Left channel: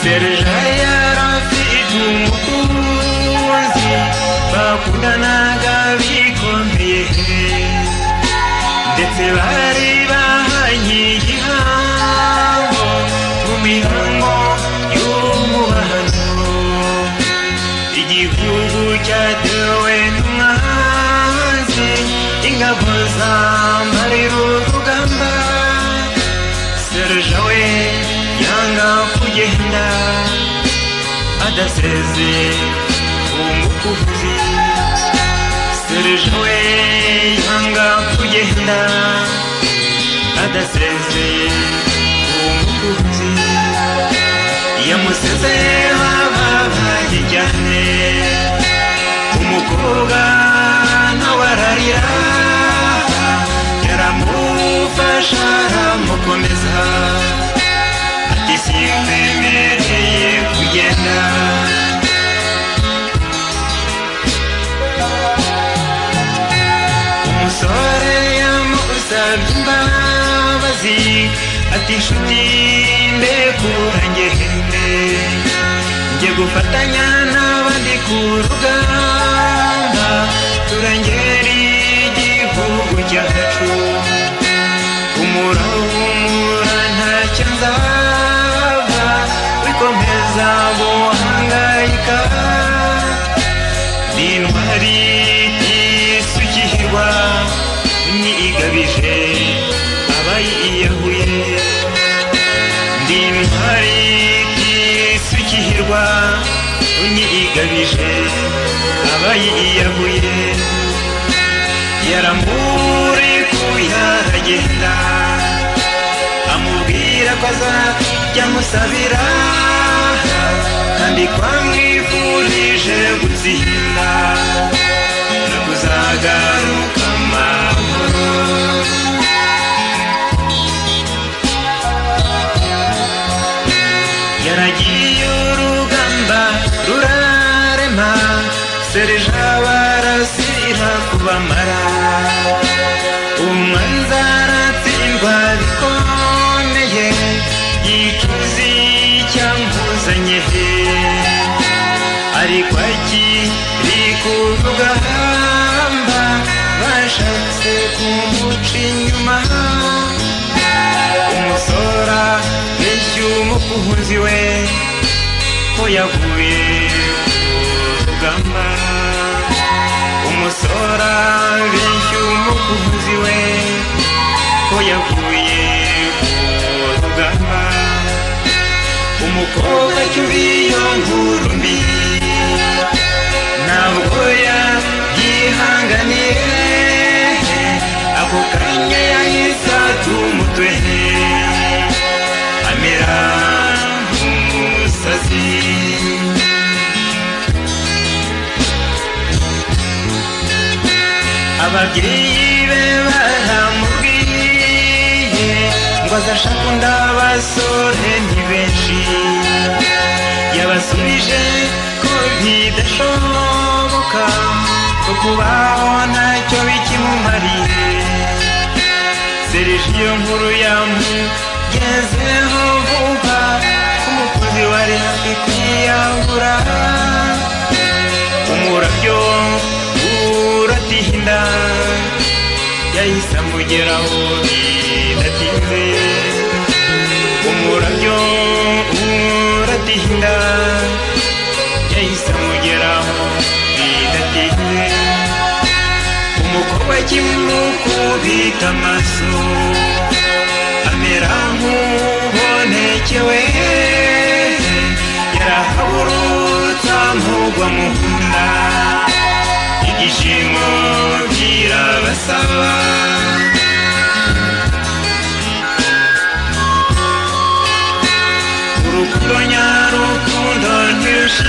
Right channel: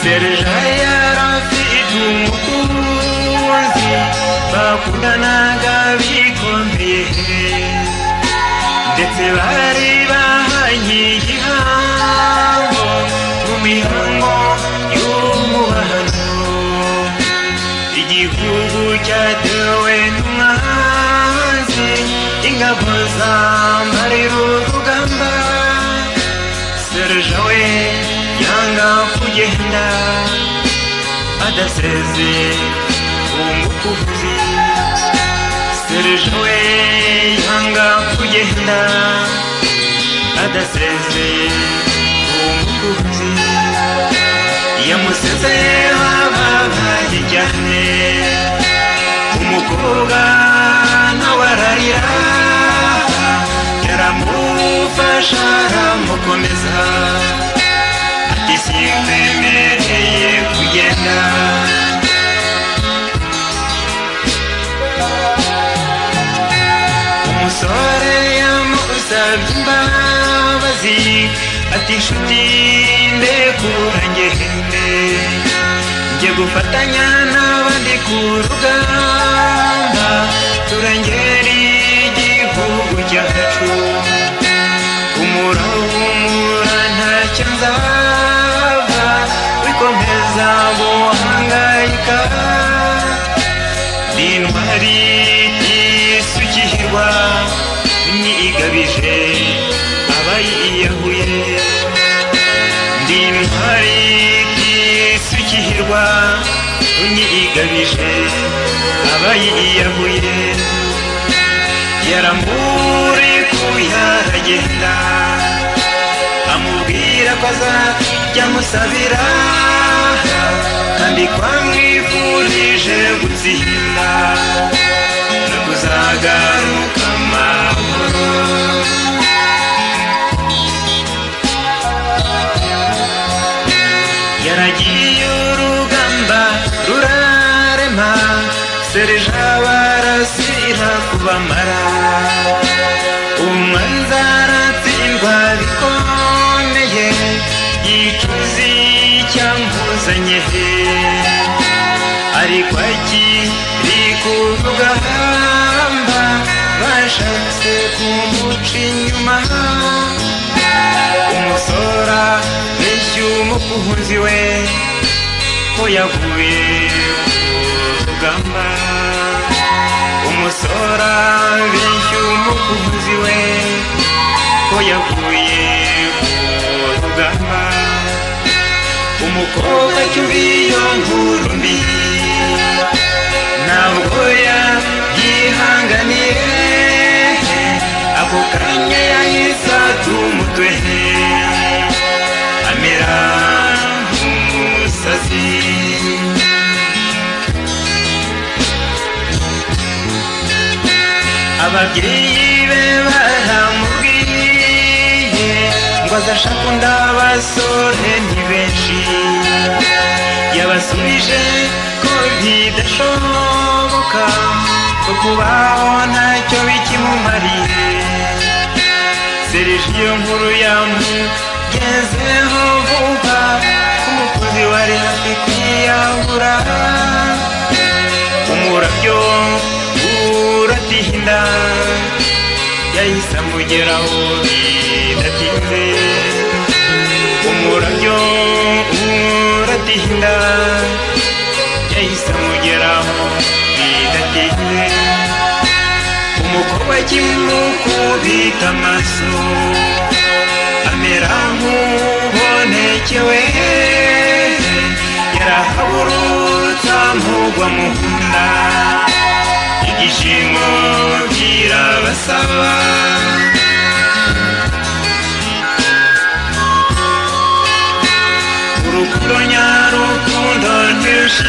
Serja yarafite umukunzi bakundanaga bikomeye ndetse bari bahanye igihango mu mihango y'umubano. Igihugu cyatewe n'umwanzi, ingabo zambarira urugamba. Serja we yanga kugenda adaseze umukuzi. Serja we yanga kugenda adaseze umukuzi. Yamuseze bababaye cyane, umukobwa nawe ararira, yaramufasha aramukomeza ati sikwemereye kugenda. Umusore yamusabye imbabazi ati nshuti ndekura ngende, njye gufatanya n'abandi ku rugamba turengera igihugu cyacu. Humura ntacyo nzaba, wikomeza guhangayika, n'intwari y'isukihirwa nigabije abayiyahuye. Ndi intwari y'isukihirwa nigabije abayiyahuye. Yaramurekuye aragenda, amubwira ko azajya amusabira kandi ko amwifurije gutsinda no kuzagaruka amahoro. Yaragiye urugamba rurarema, Serja barasira kubamara. Umwanzi aratsindwa bikomeye, ituzi cyamuzanye ariko akiri ku rugamba bashatse kumuca inyuma. Umusora benshi umukunzi we ko yaguye ku rugamba. Umusora benshi umukunzi we ko yaguye ku rugamba. Umukobwa cyubiyo nkuru mbi ntabwo yihanganiye, ako kanya yahise ata umutwe amera nk'umusazi. Ababyeyi be baramubwiye ngo azashaka undi abasore ni benshi. Yabasubije ko bidashoboka, ko kubaho ntacyo bikimumariye. Serja iyo nkuru yamugezeho vuba, umukozi wari hafi kwiyahura. Umurabyo uratinda, yahise amugeraho bidatinze. Umurabyo uratinda, yahise amugeraho bidatinze. Umukobwa akimukubita amaso amera nk'ubonekewe, yarahaburutse amugwa mu nda, ibyishimo birabasaba. Urukundo nyarukundo rwinshi